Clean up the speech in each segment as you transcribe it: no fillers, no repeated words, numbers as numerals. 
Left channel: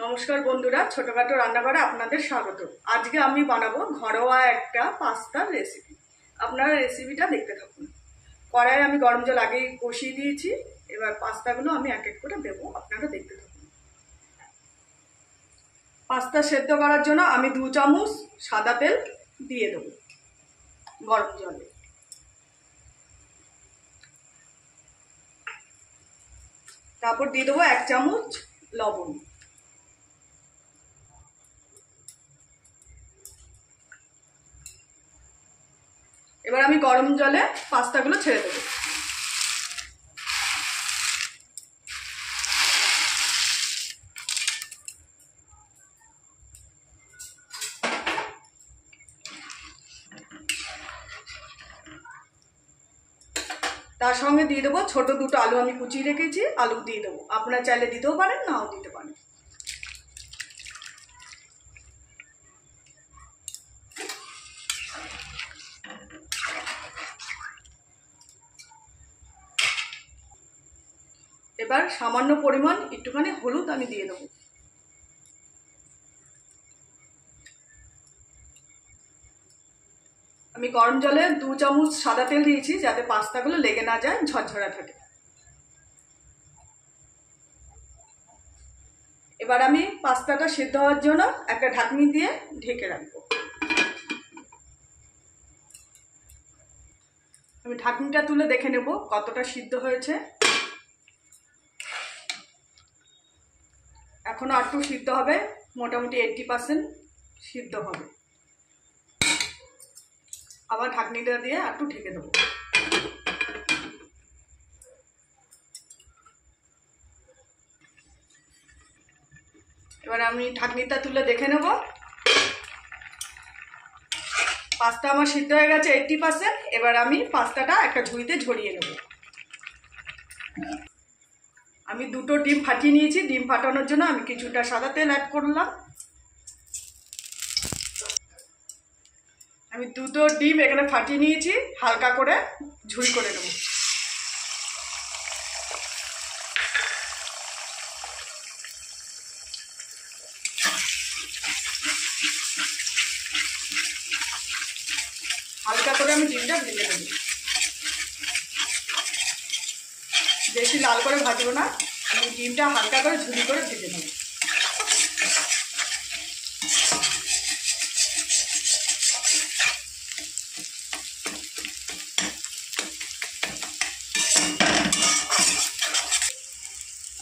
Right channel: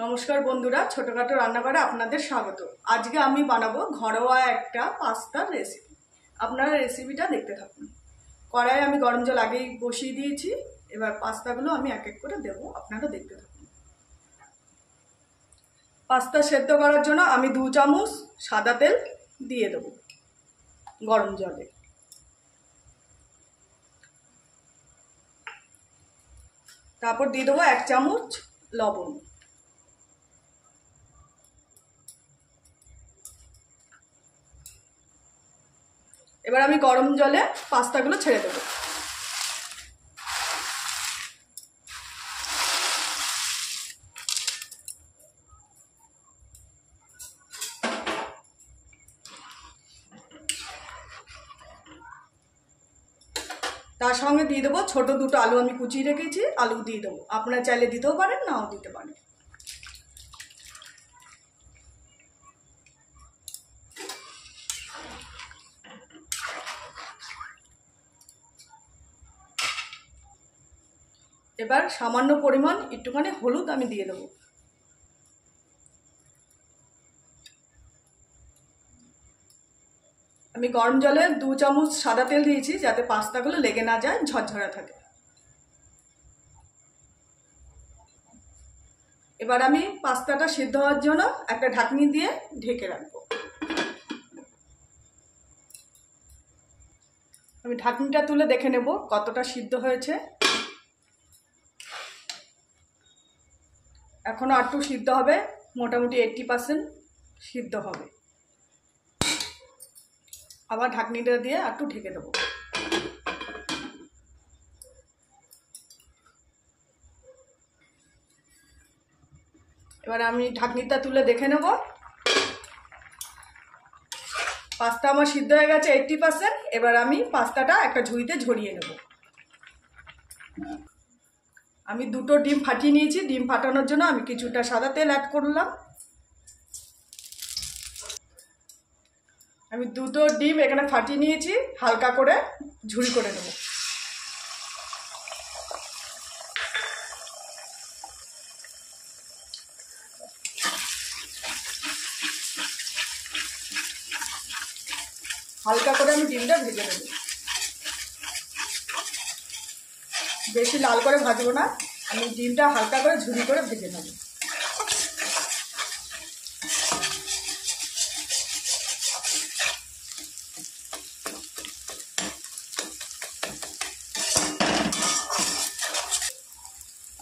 नमस्कार बंधुरा छोटोखाटो रान्नाघरे आपनादेर स्वागत। आज के आमी बानाबो घरोया एकटा पास्तार रेसिपि। आपनारा रेसिपिटा देखते थाकुन। कड़ाई आमी गरम जल आगे बसिए दिएछि। एबार पास्तागुलो आमी एक एक करे देबो, आपनारा देखते थाकुन। पास्ता सेদ্ধ करार जोन्नो आमी 2 चामच सादा तेल दिए देबो गरम जले। तारपर दिए देबो 1 चामच लवण। এবার আমি গরম জলে পাস্তাগুলো ছেড়ে দেব। তার সঙ্গে দিয়ে দেব ছোট দুটো আলু, আমি কুচিয়ে রেখেছি, আলু দিয়ে দেব। আপনারা চাইলে দিতেও পারেন, নাও দিতে পারেন। এবার সামান্য পরিমাণ একটুখানি হলুদ আমি দিয়ে দেব। আমি গরম জলে 2 চামচ সাদা তেল দিয়েছি যাতে পাস্তাগুলো লেগে না যায়, ঝরঝরা থাকে। এবার আমি পাস্তাটা সিদ্ধ হওয়ার জন্য একটা ঢাকনি দিয়ে ঢেকে রাখবো। আমি ঢাকনিটা তুলে দেখে নেব কতটা সিদ্ধ হয়েছে। এখনো একটু সিদ্ধ হবে, মোটামুটি 80% সিদ্ধ হবে। আবার ঢাকনিটা দিয়ে একটু ঢেকে দেবো। এবারে আমি ঢাকনিটা তুলে দেখে নেব। পাস্তা আমার সিদ্ধ হয়ে গেছে 80%। এবার আমি পাস্তাটা একটা ঝুড়িতে ঝরিয়ে নেব। আমি দুটো ডিম ফাটিয়ে নিয়েছি। ডিম ফাটানোর জন্য আমি কিছুটা সাদা তেল অ্যাড করলাম। আমি দুটো ডিম এখানে ফাটিয়ে নিয়েছি, হালকা করে ঝুরি করে নেব। হালকা করে আমি ডিমটা ভেজে নেব। বেশি লাল করে ভাজবো না, আমি ডিমটা হালকা করে ঝুরি করে ভেজে নেব।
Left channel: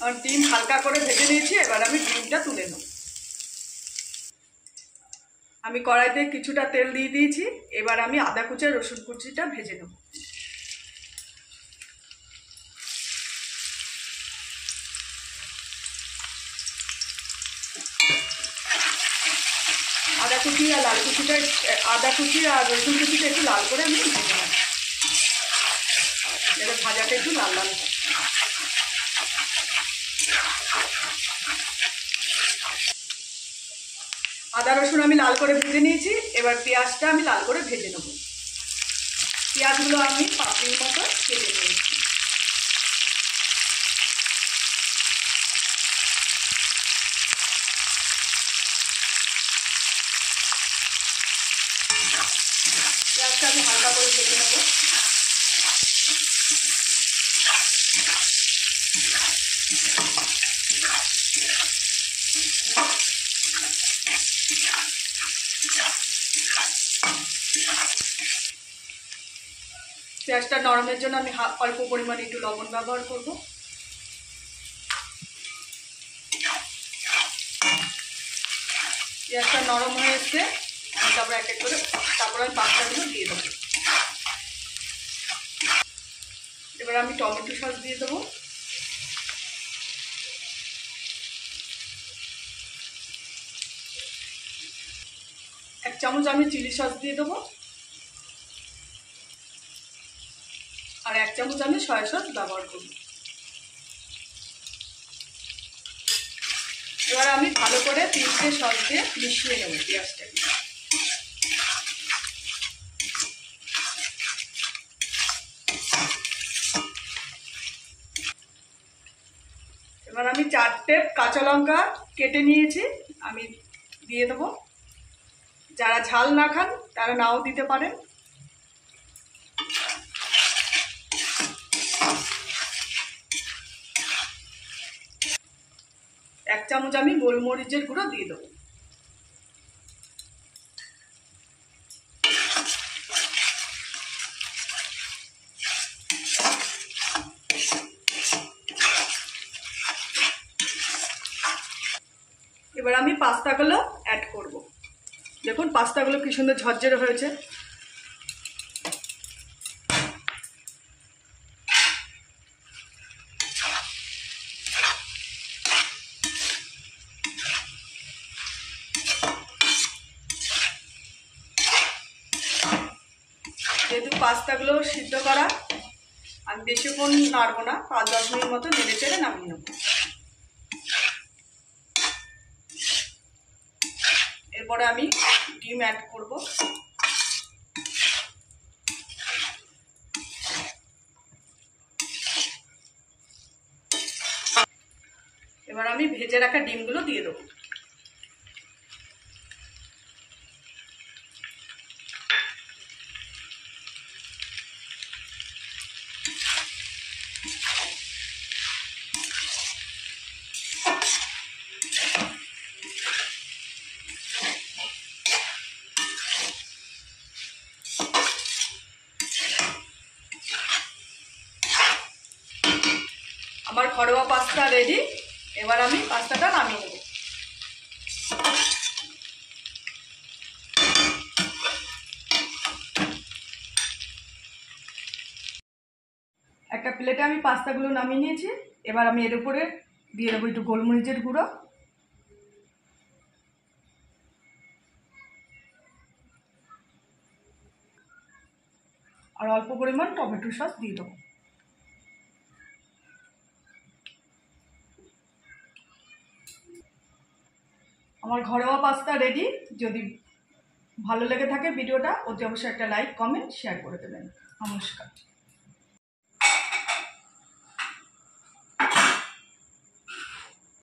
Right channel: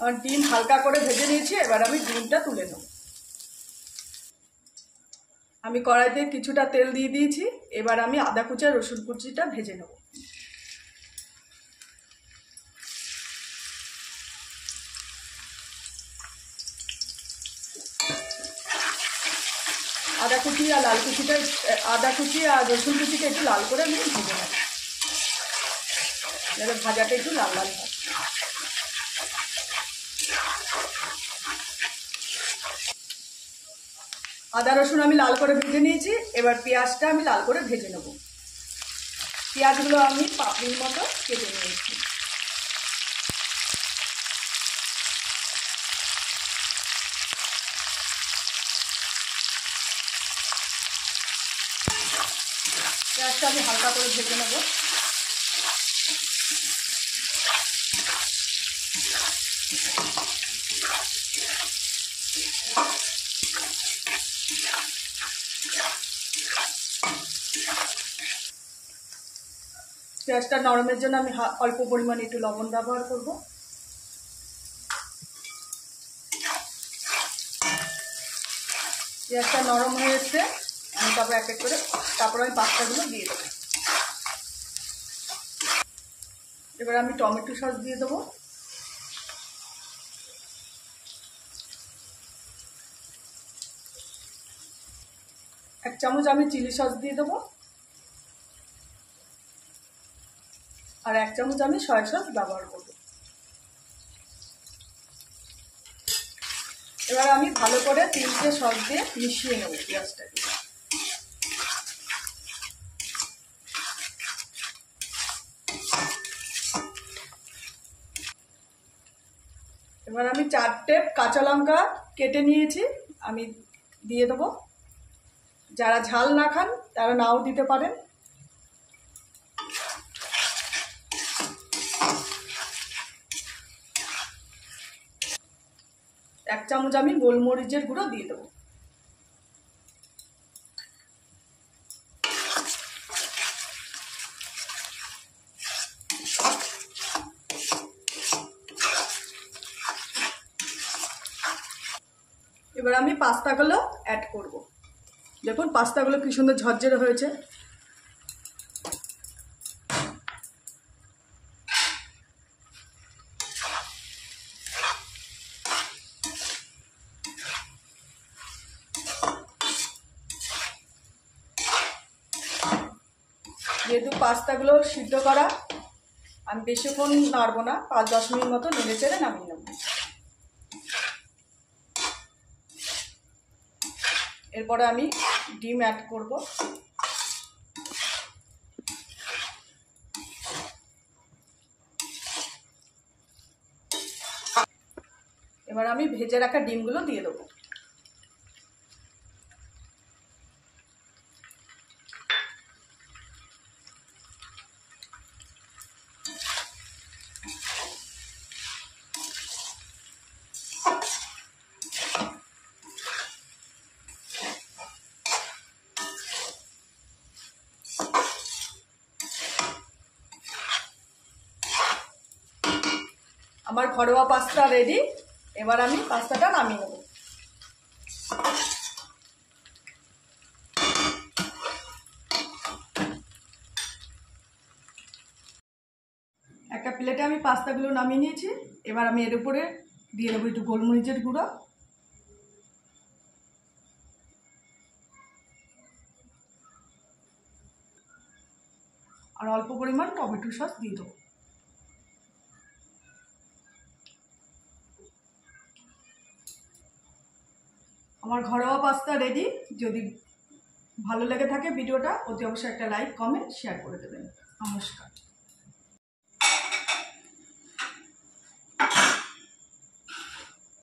আর ডিম হালকা করে ভেজে নিয়েছি। এবার আমি ডিমটা তুলে নেব। আমি কড়াইতে কিছুটা তেল দিয়ে দিয়েছি। এবার আমি আদা কুচি আর রসুন কুচিটা ভেজে নেব। আদা কুচি আর লাল কুচিটা, আদা কুচি আর রসুন কুচিটা একটু লাল করে আমি ভেজে নেব। এবার ভাজাটা একটু লাল লাল হয়। আদা রসুন আমি লাল করে ভেজে নিয়েছি। এবার পেঁয়াজটা আমি লাল করে ভেজে নেব। পেঁয়াজগুলো আমি পাপড়ির মতো কেটে নিয়েছি। পেঁয়াজটা আমি হালকা করে ভেজে নেব। পেঁয়াজটা নরমের জন্য আমি অল্প পরিমাণে একটু লবণ ব্যবহার করব। পেঁয়াজটা নরম হয়ে এসছে, আমি তারপর এক এক করে আমি পাস্তাগুলো দিয়ে দেবো। এবার আমি টমেটো সস দিয়ে দেবো। এক চামচ আমি চিলি সস দিয়ে দেবো। আর 1 চামচ আমি সয়া সস ব্যবহার করব। এবার আমি ভালো করে 3টে সস দিয়ে মিশিয়ে নেব পেঁয়াজটাকে। এবার আমি 4টে কাঁচা লঙ্কা কেটে নিয়েছি, আমি দিয়ে দেবো। যারা ঝাল না খান তারা নাও দিতে পারেন। এক চামচ আমি গোলমরিচের গুঁড়ো দিয়ে দেবো। এবার আমি পাস্তাগুলো অ্যাড করব। দেখুন পাস্তাগুলো কি সুন্দর ঝরঝরে হয়েছে। যেহেতু পাস্তাগুলো সিদ্ধ করা, আমি বেশিক্ষণ নাড়বো না, 5-10 মিনিট মতো নেড়ে চেড়ে নামিয়ে নেব। এরপরে আমি ডিম অ্যাড করব। এবার আমি ভেজে রাখা ডিমগুলো দিয়ে দেবো। আমার ঘরোয়া পাস্তা রেডি। এবার আমি পাস্তাটা নামিয়ে নেব। একটা প্লেটে আমি পাস্তাগুলো নামিয়ে নিয়েছি। এবার আমি এর উপরে দিয়ে দেবো একটু গোলমরিচের গুঁড়ো, আর অল্প পরিমাণ টমেটো সস দিয়ে দেবো। আমার ঘরোয়া পাস্তা রেডি। যদি ভালো লেগে থাকে ভিডিওটা, অতি অবশ্যই একটা লাইক, কমেন্ট, শেয়ার করে দেবেন। নমস্কার।